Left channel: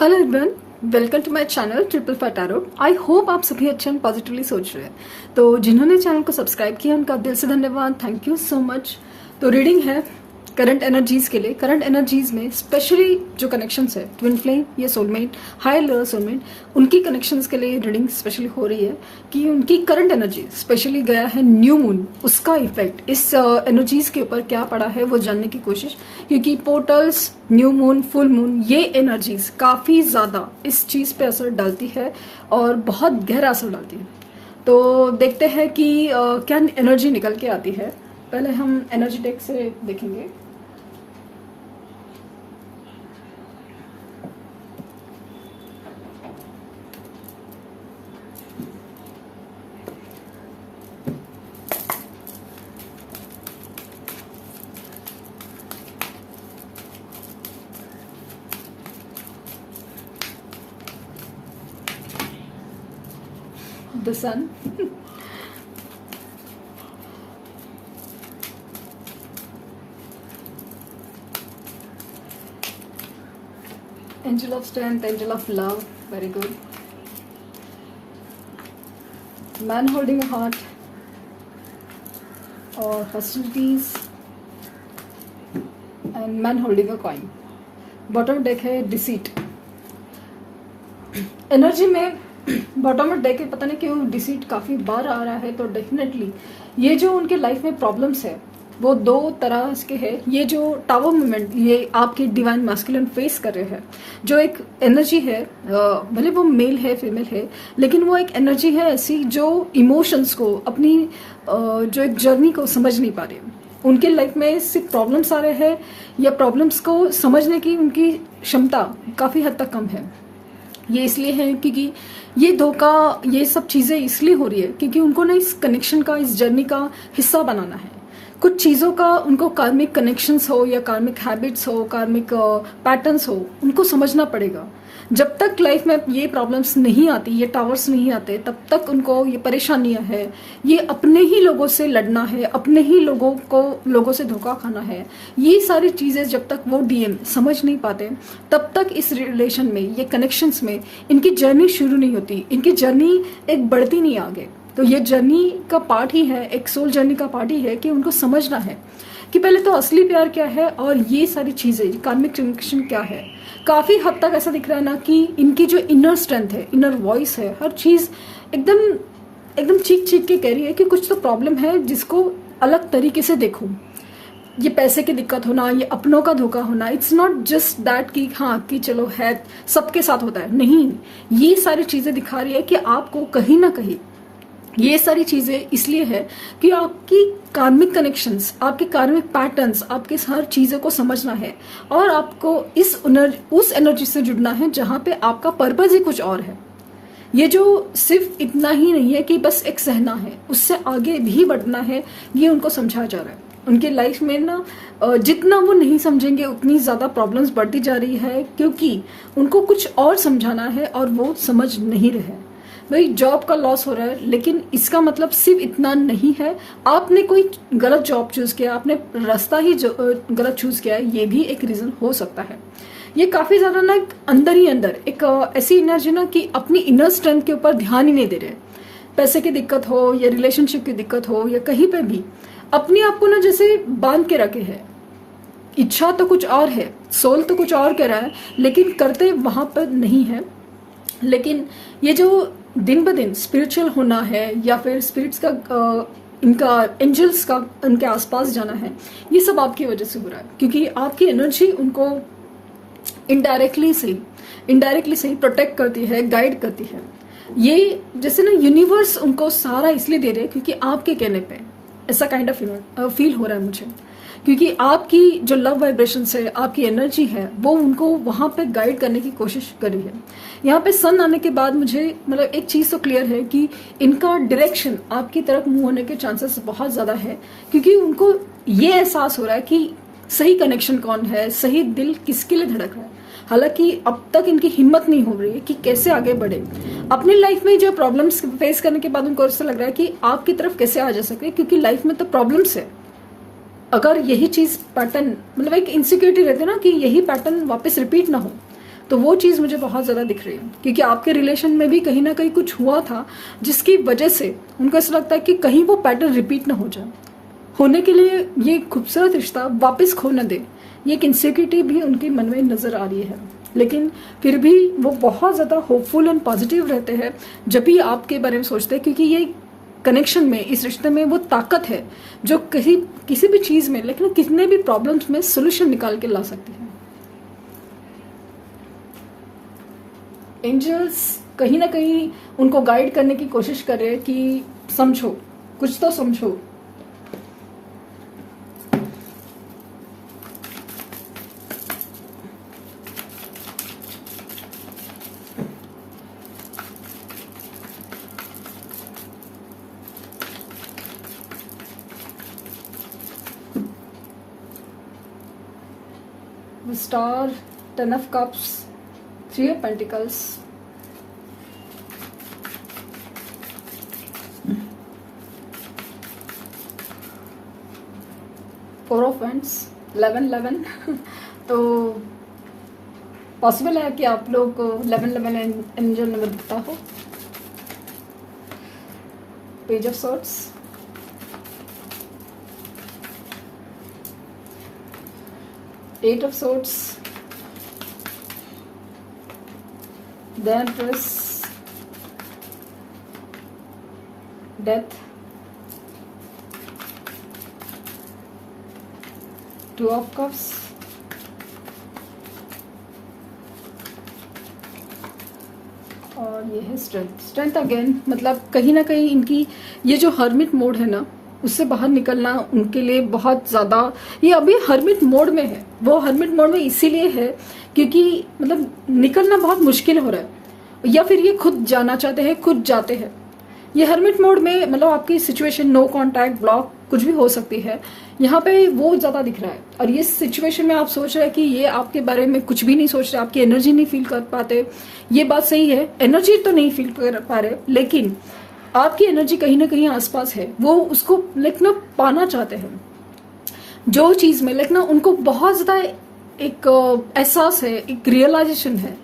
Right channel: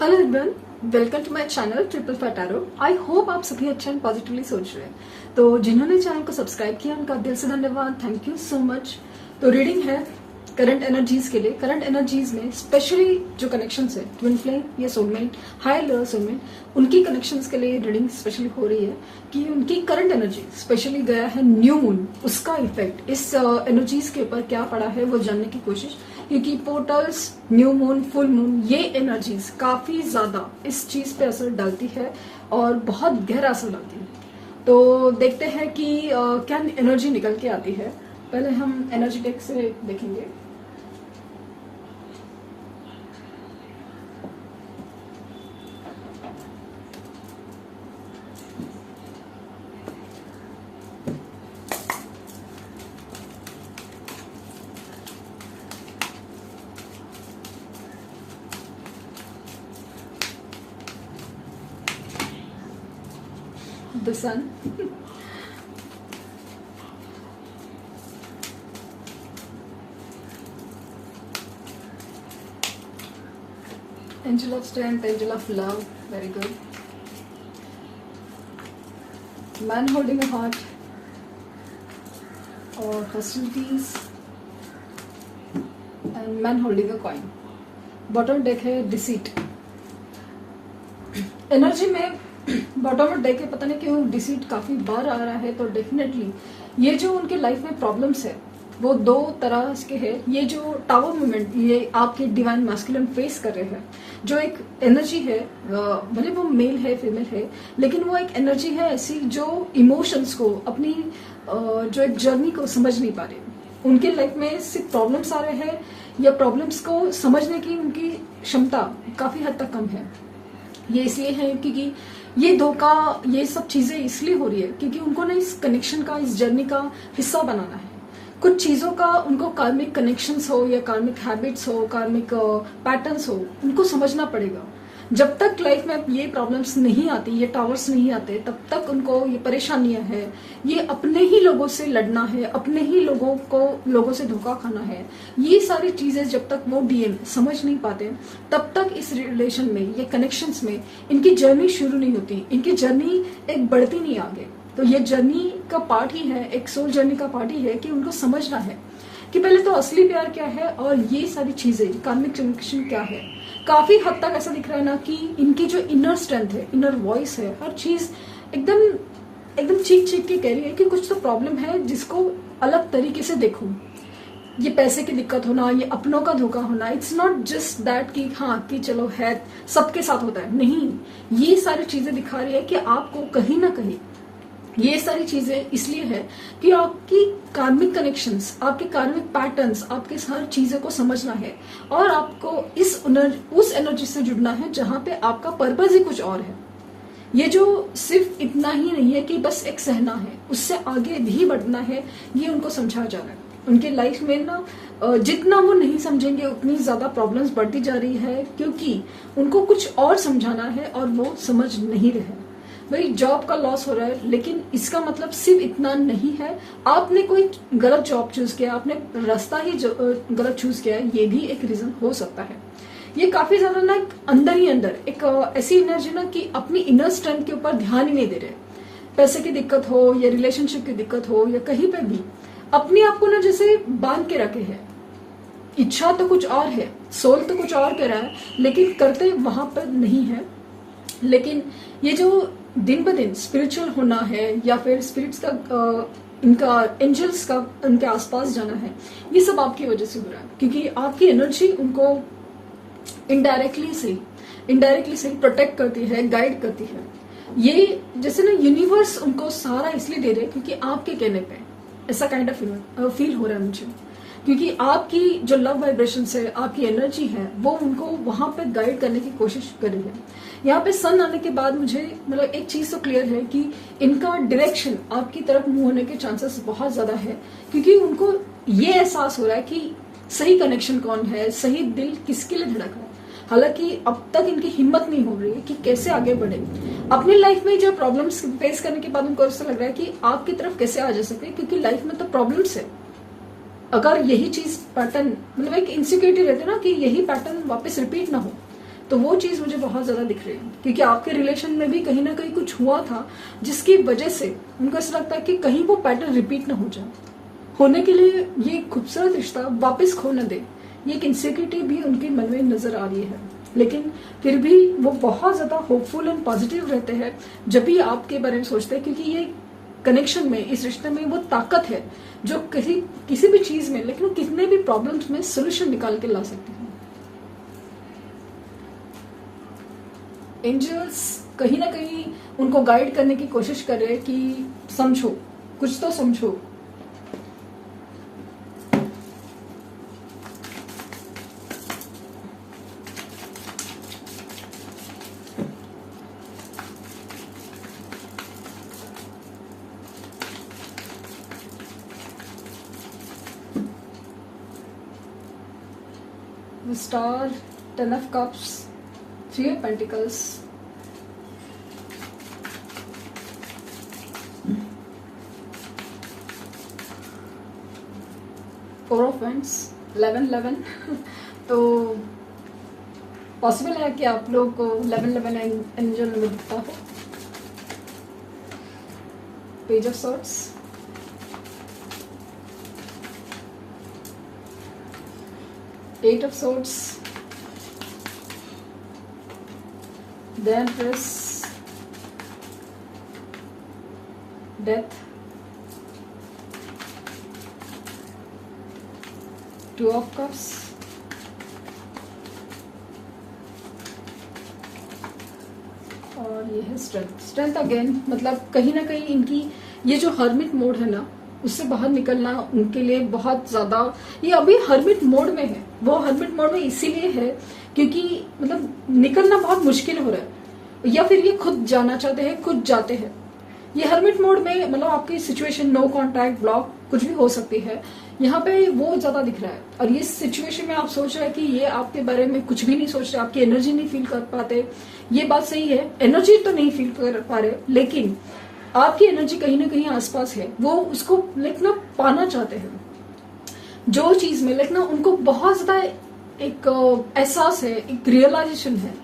Hello everyone, welcome to my channel triple five tarot. I hope आप सभी अच्छे and positively सोच रहे हैं। तो जिन्होंने चैनल को सब्सक्राइब किया उनका दिल से धन्यवाद, थैंक यू सो मच। तो रीडिंग है करंट एनर्जीज के लिए। करंट एनर्जीज में स्पेशली जो कनेक्शंस है ट्विन फ्लेम या सोलमेट, हायर लेवल सोलमेट, उनकी कनेक्शंस के लिए रीडिंग स्पेशली हो रही है कि उनकी करंट एनर्जी स्पेशली गया है न्यू मून, उसका इफेक्ट इस एनर्जीज के ऊपर क्या पड़ा है वो जानने की कोशिश। क्योंकि portals, new moon, full moon, ये एनर्जीज काफी ज्यादा इस चीज पे असर डालती है और बहुत गहरा असर डालती है। तो देखते हैं कि क्या एनर्जी निकल के आती है। पहले हम एनर्जी टेक से देखेंगे। The sun. Angel of strength, angel of love, very good. Man holding a heart, or hostilities, and man holding a coin. Bottom deck है deceit. एनर्जी में बॉटम ऑफ डेक पता नहीं क्यों डिसीट काफी बार आ रहा है। तो डेफिनेटली ये जो उनके लाइफ में प्रॉब्लम्स है वो दो तरह के है। ये जो टावर मूवमेंट ये आपके डिवाइन मैस्कुलिन फेस कर रहे हैं, जो एक एनर्जी है, भले वो मेल है फीमेल है, लेकिन वो एक एनर्जी है ऐसी जो इमोशंस को, अपनी जो एक जर्नी को समझ नहीं पा रही। उनके लाइफ में सिर्फ प्रॉब्लम्स आ रहे हैं या प्रॉब्लम्स को समझने की उनकी क्षमता काफी हद तक कम है। ये इसलिए है क्योंकि ये धोखा, ये सब चीजें इसलिए हो रही है क्योंकि उनको ना इस कनेक्शन का, इस जर्नी का हिस्सा बनाना है। कुछ चीजों का उनको कार्मिक कनेक्शंस हो या कार्मिक हैबिट्स हो, कार्मिक पैटर्न्स हो, उनको समझना पड़ेगा। जब तक लाइफ में ये प्रॉब्लम्स नहीं आती, ये टावर्स नहीं आते, तब तक उनको ये परेशानियां है, ये अपने ही लोगों से लड़ना है, अपने ही लोगों से धोखा खाना है। ये सारी चीजें जब तक वो डीएम समझ नहीं पाते तब तक इस रिलेशन में, ये कनेक्शंस में इनकी जर्नी शुरू नहीं होती, इनकी जर्नी एक बढ़ती नहीं आगे। तो ये जर्नी का पार्ट ही है, एक सोल जर्नी का पार्ट ही है कि उनको समझना है कि पहले तो असली प्यार क्या है और ये सारी चीजें कार्मिक कनेक्शन क्या है। काफी हद तक ऐसा दिख रहा है ना कि इनकी जो इनर स्ट्रेंथ है, इनर वॉइस है, हर चीज एकदम चीख चीख के कह रही है कि कुछ तो प्रॉब्लम है जिसको अलग तरीके से देखो। ये पैसे की दिक्कत होना, ये अपनों का धोखा होना, इट्स नॉट जस्ट दैट कि हाँ कि चलो है सबके साथ होता है, नहीं। ये सारी चीजें दिखा रही है कि आपको कहीं ना कहीं ये सारी चीजें इसलिए है कि आपकी कार्मिक कनेक्शंस, आपके कार्मिक पैटर्न्स, आपके हर चीजों को समझना है और आपको उस एनर्जी से जुड़ना है जहां पे आपका पर्पज ही कुछ और है। ये जो सिर्फ इतना ही नहीं है कि बस एक सहना है, उससे आगे भी बढ़ना है, ये उनको समझाया जा रहा है। उनके लाइफ में ना जितना वो नहीं समझेंगे उतनी ज्यादा प्रॉब्लम्स बढ़ती जा रही है क्योंकि उनको कुछ और समझाना है और वो समझ नहीं रहे। भाई जॉब का लॉस हो रहा है, लेकिन इसका मतलब सिर्फ इतना नहीं है आपने कोई गलत जॉब चूज किया, आपने रास्ता ही गलत चूज किया है, ये भी एक रीजन हो सकता है। ये काफी ज्यादा ना एक अंदर ही अंदर एक ऐसी एनर्जी ना कि अपनी इनर स्ट्रेंथ के ऊपर ध्यान ही नहीं दे रहे। पैसे की दिक्कत हो या रिलेशनशिप की दिक्कत हो या कहीं पे भी अपने आप को ना जैसे बांध के रखे है। इच्छा तो कुछ और है, सोल तो कुछ और कर रहा है, लेकिन करते वहां पर नहीं है। लेकिन ये जो दिन ब दिन स्पिरिचुअल होना है या फिर स्पिरिट्स का इनका एंजल्स का उनके आसपास जाना है, ये सब आपकी वजह से हो रहा है क्योंकि आपकी एनर्जी उनको इनडायरेक्टली सही प्रोटेक्ट करती है, गाइड करती है। ये जैसे ना यूनिवर्स उनको सारा इसलिए दे रहे हैं क्योंकि आपके कहने पे ऐसा काइंड ऑफ फील हो रहा है मुझे, क्योंकि आपकी जो लव वाइब्रेशन है, आपकी एनर्जी है, वो उनको वहां पे गाइड करने की कोशिश कर रही है। यहाँ पे सन आने के बाद मुझे मतलब एक चीज तो क्लियर है कि इनका डायरेक्शन आपकी तरफ मूव होने के चांसेस बहुत ज्यादा है क्योंकि उनको ये एहसास हो रहा है कि सही कनेक्शन कौन है, सही दिल किसके लिए धड़क है। हालांकि अब तक इनकी हिम्मत नहीं हो रही है कि कैसे आगे बढ़े। अपनी लाइफ में जो प्रॉब्लम्स फेस करने के बाद उनको ऐसा लग रहा है कि आपकी तरफ कैसे आ जा सके, क्योंकि लाइफ में तो प्रॉब्लम्स है। अगर यही चीज पैटर्न मतलब एक इनसिक्योरिटी रहती है ना कि यही पैटर्न वापस रिपीट ना हो, तो वो चीज मुझे बहुत ज्यादा दिख रही है, क्योंकि आपके रिलेशन में भी कहीं ना कहीं कुछ हुआ था जिसकी वजह से उनको ऐसा लगता है कि कहीं वो पैटर्न रिपीट ना हो जाए। होने के लिए ये खूबसूरत रिश्ता वापस खो न दे, ये एक इनसिक्योरिटी भी उनके मन में नजर आ रही है। लेकिन फिर भी वो बहुत ज्यादा होपफुल एंड पॉजिटिव रहते हैं जब भी आपके बारे में सोचते हैं, क्योंकि ये कनेक्शन में, इस रिश्ते में वो ताकत है जो किसी भी चीज में, लेकिन कितने भी प्रॉब्लम्स में सोल्यूशन निकाल के ला सकती है। एंजल्स कहीं ना कहीं उनको गाइड करने की कोशिश कर रहे हैं कि समझो, कुछ तो समझो। The Star, Ten of Cups, Three of Pentacles, Four of Wands, 11-11 तो पॉसिबल है कि आप लोग को 11-11 एंजल नंबर दिखता हो। Page of swords, Eight of Swords, the Empress, Death, Two of Cups, और ये है स्ट्रेंथ अगेन। मतलब कहीं ना कहीं इनकी ये जो हर्मिट मोड है ना, उससे बाहर निकलना उनके लिए बहुत ज्यादा, ये अभी हर्मिट मोड में है। वो हर्मिट मोड में इसीलिए है क्योंकि मतलब निकलना बहुत मुश्किल हो रहा है, या फिर ये खुद जाना चाहते हैं, खुद जाते हैं। ये हर्मिट मोड में मतलब आपकी सिचुएशन नो कांटेक्ट, ब्लॉक कुछ भी हो सकती है, यहाँ पे वो ज्यादा दिख रहा है। और ये सिचुएशन में आप सोच रहे हैं कि ये आपके बारे में कुछ भी नहीं सोच रहे, आपकी एनर्जी नहीं फील कर पाते। ये बात सही है, एनर्जी तो नहीं फील कर पा रहे, लेकिन आपकी एनर्जी कहीं ना कहीं आसपास है। वो उसको लेकिन पाना चाहते हैं जो चीज में, लेकिन उनको बहुत ज्यादा एक एहसास है, एक रियलाइजेशन है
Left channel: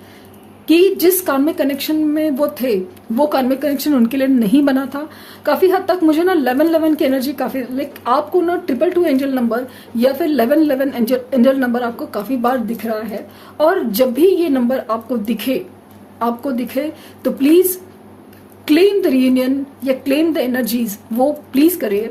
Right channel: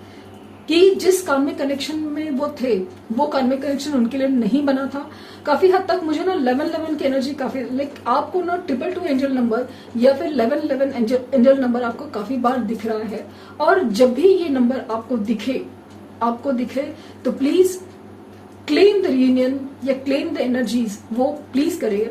कि जिस कार्मिक कनेक्शन में वो थे, वो कार्मिक कनेक्शन उनके लिए नहीं बना था। काफी हद तक मुझे ना 11-11 की एनर्जी काफी, लाइक आपको ना 222 एंजल नंबर या फिर 11-11 एंजल नंबर आपको काफी बार दिख रहा है। और जब भी ये नंबर आपको दिखे तो प्लीज क्लेम द रियूनियन या क्लेम द एनर्जीज, वो प्लीज करिए।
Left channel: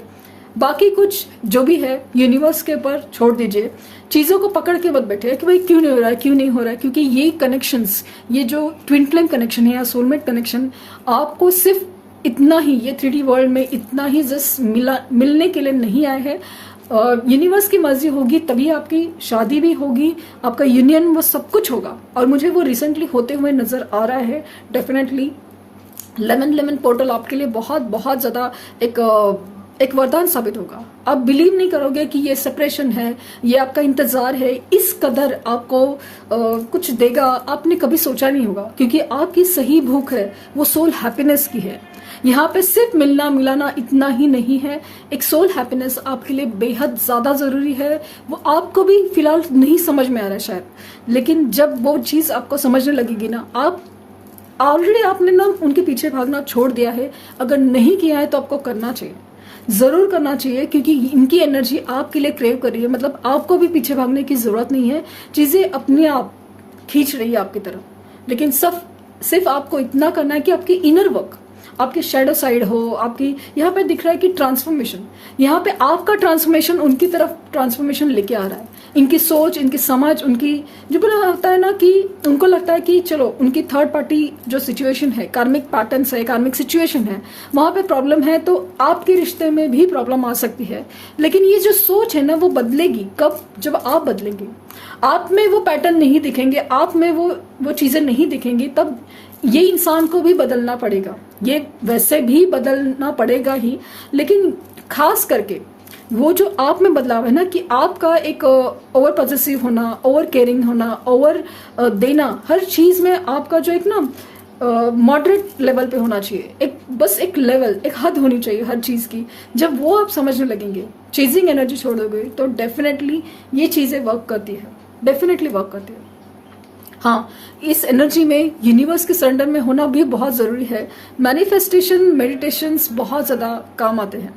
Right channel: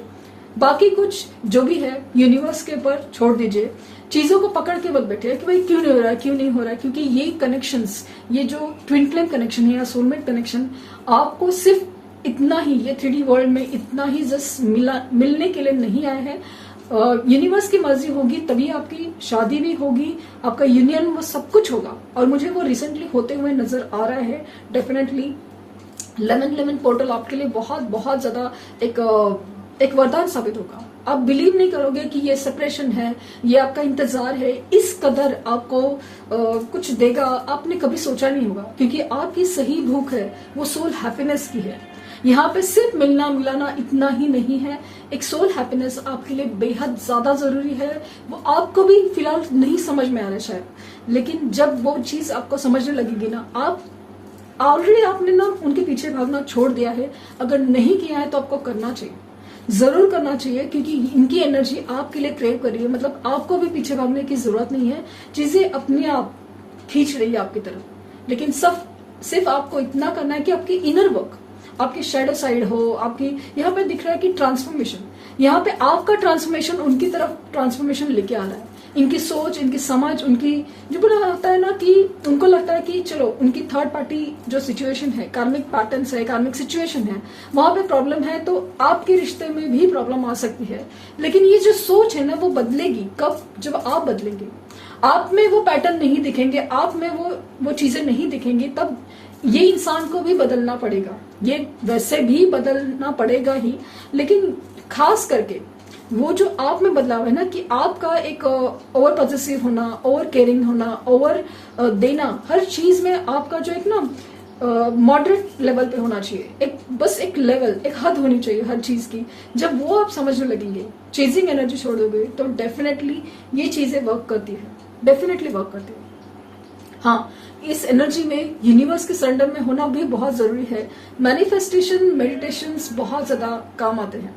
बाकी कुछ जो भी है यूनिवर्स के ऊपर छोड़ दीजिए, चीजों को पकड़ के मत बैठे कि भाई क्यों नहीं हो रहा है, क्यों नहीं हो रहा है, क्योंकि ये कनेक्शंस, ये जो ट्विन फ्लेम कनेक्शन है या सोलमेट कनेक्शन, आपको सिर्फ इतना ही, ये 3D वर्ल्ड में इतना ही जस्ट मिलने के लिए नहीं आए हैं। यूनिवर्स की मर्जी होगी तभी आपकी शादी भी होगी, आपका यूनियन, वो सब कुछ होगा। और मुझे वो रिसेंटली होते हुए नजर आ रहा है। डेफिनेटली 11-11 पोर्टल आपके लिए बहुत बहुत ज्यादा एक वरदान साबित होगा। आप बिलीव नहीं करोगे कि ये सेपरेशन है, ये आपका इंतजार है, इस कदर आपको कुछ देगा, आपने कभी सोचा नहीं होगा। क्योंकि आपकी सही भूख है वो सोल हैप्पीनेस की है। यहाँ पे सिर्फ मिलना मिलाना इतना ही नहीं है, एक सोल हैप्पीनेस आपके लिए बेहद ज्यादा जरूरी है। वो आपको भी फिलहाल नहीं समझ में आ रहा है शायद, लेकिन जब वो चीज आपको समझने लगेगी ना, आप ऑलरेडी आपने ना उनके पीछे भागना छोड़ दिया है। अगर नहीं किया है तो आपको करना चाहिए, जरूर करना चाहिए, क्योंकि इनकी एनर्जी आपके लिए क्रेव कर रही है। मतलब आपको भी पीछे भागने की जरूरत नहीं है, चीजें अपने आप खींच रही है आपकी तरफ। लेकिन सिर्फ आपको इतना करना है कि आपकी इनर वर्क, आपके शेडो साइड हो, आपकी यहाँ पे दिख रहा है कि ट्रांसफॉर्मेशन, यहाँ पे आपका ट्रांसफॉर्मेशन उनकी तरफ ट्रांसफॉर्मेशन लेके आ रहा है। इनकी सोच, इनकी समझ, उनकी जो होता है ना कि उनको लगता है कि चलो उनकी थर्ड पार्टी जो सिचुएशन है, कार्मिक पैटर्न्स है, कार्मिक सिचुएशन है, वहां पे प्रॉब्लम है, तो आपके रिश्ते में भी प्रॉब्लम आ सकती है। लेकिन ये जो सोच है ना वो बदलेगी कब? जब आप बदलेंगे। आप में वो पैटर्न नहीं दिखेंगे, आप में वो चीजें नहीं दिखेंगी, तब ये इंसान को भी बदलना पड़ेगा। ये वैसे भी बदलना पड़ेगा ही, लेकिन खास करके वो जो आप में बदलाव है ना, कि आपका एक ओवर पॉजिटिव होना, ओवर केयरिंग होना, ओवर देना, हर चीज में आपका जो एक ना मॉडरेट लेवल पे होना चाहिए। बस एक लेवल, एक हद होनी चाहिए हर चीज की। जब वो आप समझने लगेंगे, चेजिंग एनर्जी छोड़ दोगे, तो डेफिनेटली ये चीजें वर्क करती है, डेफिनेटली वर्क करती है। हाँ, इस एनर्जी में यूनिवर्स के सरेंडर में होना भी बहुत जरूरी है। मैनिफेस्टेशन, मेडिटेशंस बहुत ज्यादा काम आते हैं।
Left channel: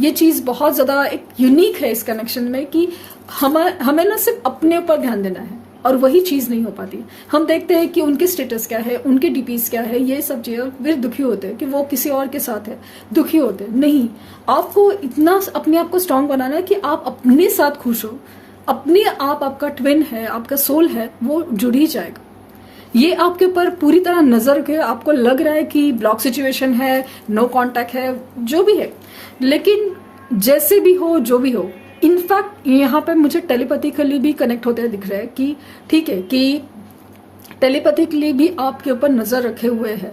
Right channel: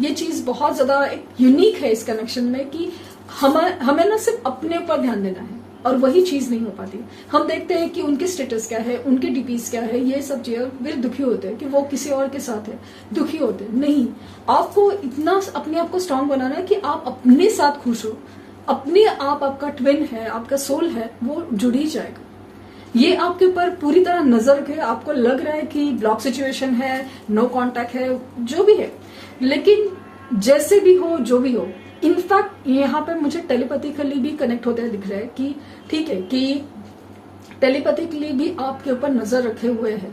ये चीज बहुत ज्यादा एक यूनिक है इस कनेक्शन में कि हमें ना सिर्फ अपने ऊपर ध्यान देना है और वही चीज नहीं हो पाती। हम देखते हैं कि उनके स्टेटस क्या है, उनके डीपीज क्या है, ये सब चीजें, वे दुखी होते हैं कि वो किसी और के साथ है, दुखी होते हैं। नहीं, आपको इतना अपने आप को स्ट्रांग बनाना है कि आप अपने साथ खुश हो। अपने आप, आपका ट्विन है, आपका सोल है, वो जुड़ ही जाएगा। ये आपके ऊपर पूरी तरह नजर के, आपको लग रहा है कि ब्लॉक सिचुएशन है, नो कांटेक्ट है, जो भी है, लेकिन जैसे भी हो, जो भी हो, इनफैक्ट यहाँ पे मुझे टेलीपैथिकली भी कनेक्ट होते दिख रहा है कि ठीक है कि टेलीपैथिकली भी आपके ऊपर नजर रखे हुए हैं,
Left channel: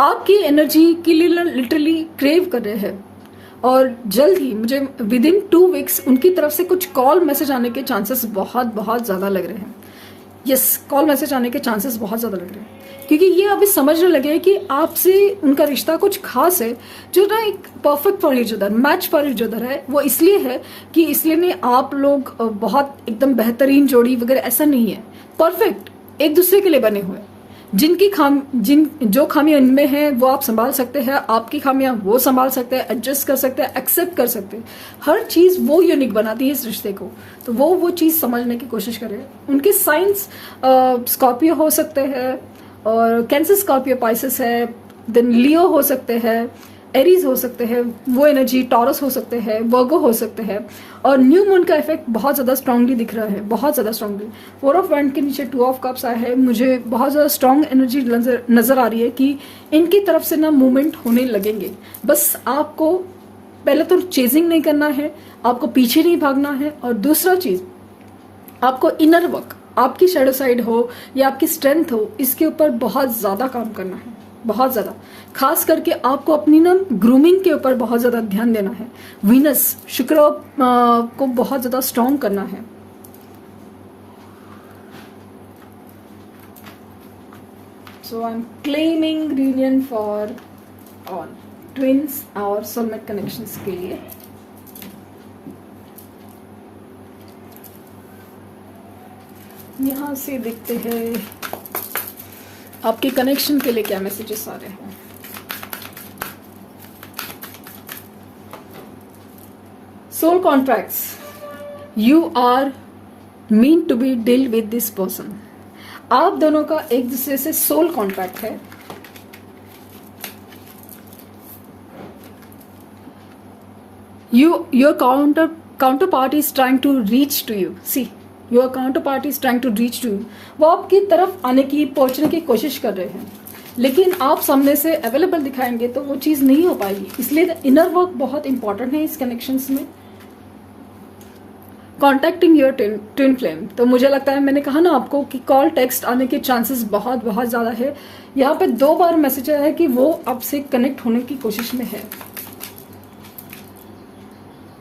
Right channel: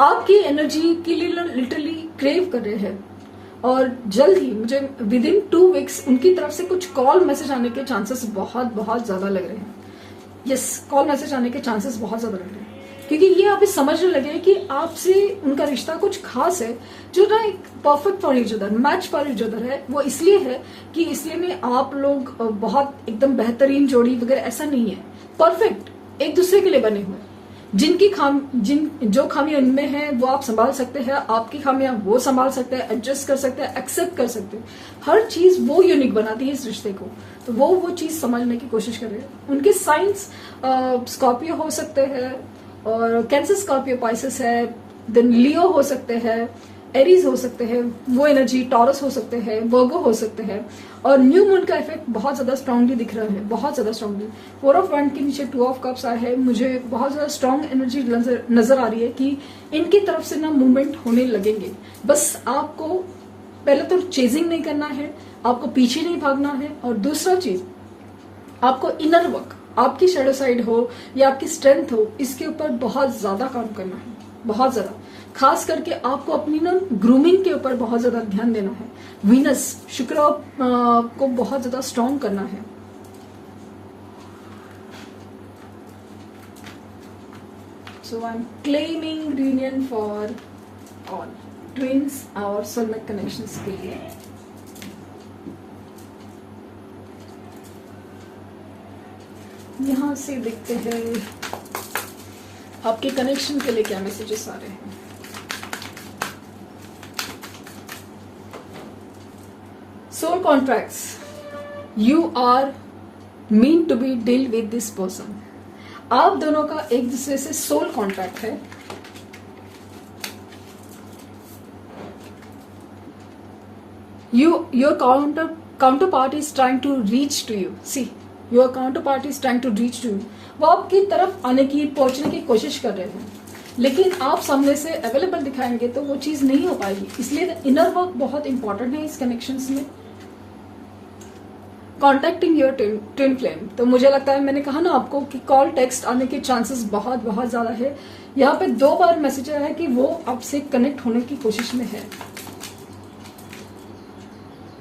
आपकी एनर्जी के लिए लिटरली क्रेव कर रहे हैं। और जल्द ही मुझे विदिन 2 वीक्स उनकी तरफ से कुछ कॉल मैसेज आने के चांसेस बहुत बहुत ज्यादा लग रहे हैं। यस, कॉल मैसेज आने के चांसेस बहुत ज्यादा लग रहे हैं, क्योंकि ये अभी समझने लगे कि आपसे उनका रिश्ता कुछ खास है, जो ना एक perfect for each other, match for each other है। वो इसलिए है कि इसलिए नहीं आप लोग बहुत एकदम बेहतरीन जोड़ी वगैरह, ऐसा नहीं है। परफेक्ट एक दूसरे के लिए बने हुए, जो खामियां इनमें हैं वो आप संभाल सकते हैं, आपकी खामियां वो संभाल सकते हैं, एडजस्ट कर सकते हैं, एक्सेप्ट कर सकते हैं। हर चीज वो यूनिक बनाती है इस रिश्ते को, तो वो चीज समझने की कोशिश करें। उनके साइंस स्कॉर्पियो हो सकते हैं, और कैंसर, स्कॉर्पियो, पाइसेस है, देन लियो हो सकते हैं, एरीज हो सकते हैं, वो एनर्जी टॉरस हो सकते हैं, वर्गो हो सकते हैं। और न्यू मून का इफेक्ट बहुत ज्यादा स्ट्रांगली दिख रहा है, बहुत ज्यादा स्ट्रांगली। 4 ऑफ वैंड के नीचे 2 ऑफ कप्स आए हैं, मुझे बहुत ज्यादा स्ट्रांग एनर्जी नजर आ रही है कि इनकी तरफ से ना मूवमेंट होने लगेंगे। बस आपको पहले तो चेजिंग नहीं करना है, आपको पीछे नहीं भागना है, और दूसरा चीज आपको इनर वर्क, आपकी शैडो साइड हो या आपकी स्ट्रेंथ हो, इसके ऊपर बहुत ज्यादा काम करना है, बहुत ज्यादा। खास करके आपको अपनी ना ग्रूमिंग के ऊपर बहुत ज्यादा ध्यान देना है। वीनस, शुक्र को बहुत ज्यादा स्ट्रांग करना है। So I am claiming reunion for all twins और सोलमेट कनेक्शंस के लिए। यहां से देखते हैं आपके कनेक्शन के लिए क्या मैसेजेस आ रहे हैं। Soul contracts, you are mean to be deal with this person. आप दोनों का एक दूसरे से सोल कॉन्ट्रैक्ट है। Your counter party is trying to reach to you. See, your counter party is trying to reach to you. वो आपकी तरफ आने की, पहुंचने की कोशिश कर रहे हैं, लेकिन आप सामने से अवेलेबल दिखाएंगे तो वो चीज नहीं हो पाएगी। इसलिए इनर वर्क बहुत इंपॉर्टेंट है इस कनेक्शंस में। कॉन्टेक्टिंग योर ट्विन फ्लेम, तो मुझे लगता है, मैंने कहा ना आपको कि कॉल टेक्स्ट आने के चांसेस बहुत बहुत ज्यादा है। यहाँ पे 2 बार मैसेज आया है कि वो आपसे कनेक्ट होने की कोशिश में है।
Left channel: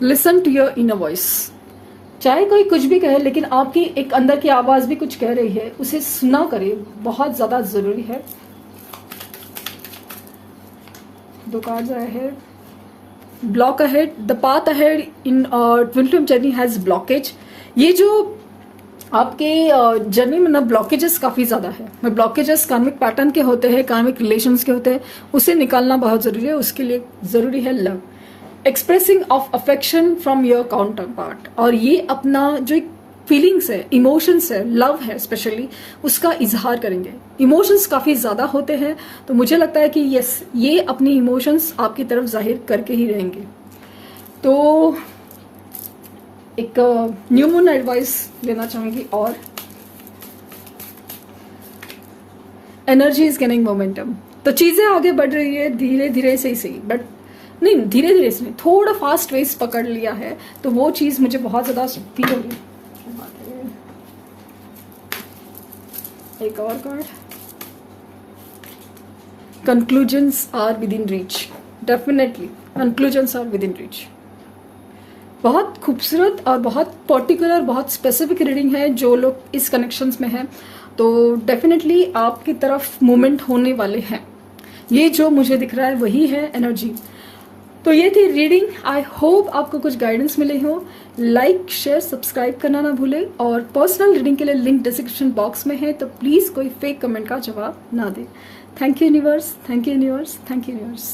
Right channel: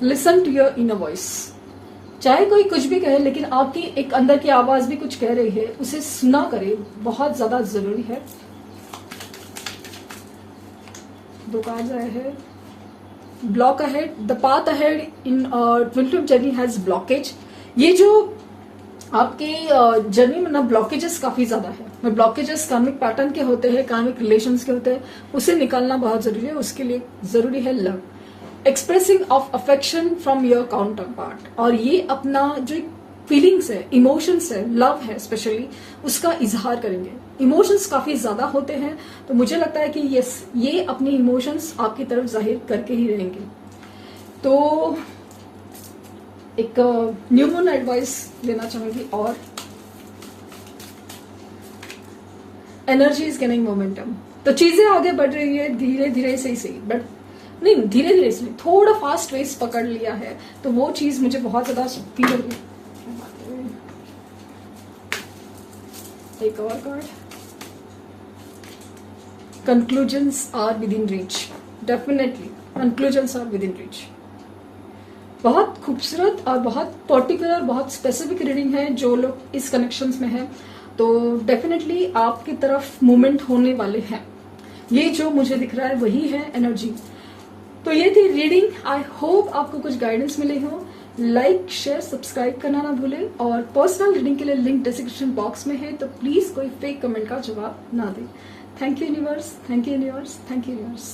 Listen to your inner voice. चाहे कोई कुछ भी कहे, लेकिन आपकी एक अंदर की आवाज भी कुछ कह रही है, उसे सुना करे, बहुत ज्यादा जरूरी है। 2 कार्ड आए हैं। Block ahead, the path ahead in twin flame journey has blockage. ये जो आपके जर्नी में ना ब्लॉकेजेस काफी ज्यादा है। ब्लॉकेजेस कार्मिक पैटर्न के होते हैं, कार्मिक रिलेशंस के होते हैं, उसे निकालना बहुत जरूरी है। उसके लिए जरूरी है love, expressing of affection from your counter part. और ये अपना जो फीलिंग्स है, इमोशंस है, लव है स्पेशली, उसका इजहार करेंगे। इमोशंस काफी ज्यादा होते हैं, तो मुझे लगता है कि यस, ये अपनी इमोशंस आपकी तरफ जाहिर करके ही रहेंगे। तो एक न्यू मून एडवाइस देना चाहूंगी। और एनर्जी इज गेनिंग मोमेंटम, तो चीजें आगे बढ़ रही है धीरे धीरे, सही, बट नहीं, धीरे धीरे से थोड़ा फास्ट रेस पकड़ लिया है, तो वो चीज मुझे बहुत ज्यादा फील हो रही। एक और card, conclusions are within reach. Definitely conclusions are within reach. बहुत खूबसूरत और बहुत पर्टिकुलर, बहुत स्पेसिफिक रीडिंग है। जो लोग इस कनेक्शंस में हैं, तो डेफिनेटली आपकी तरफ मूवमेंट होने वाले हैं। ये जो मुझे दिख रहा है वही है एनर्जी। तो ये थी रीडिंग। आई होप आपको कुछ गाइडेंस मिले हो। लाइक शेयर सब्सक्राइब करना ना भूले, और पर्सनल रीडिंग के लिए लिंक डिस्क्रिप्शन बॉक्स में है, तो प्लीज कोई फेक कमेंट का जवाब ना दे। Thank you universe, thank you universe, thank you universe.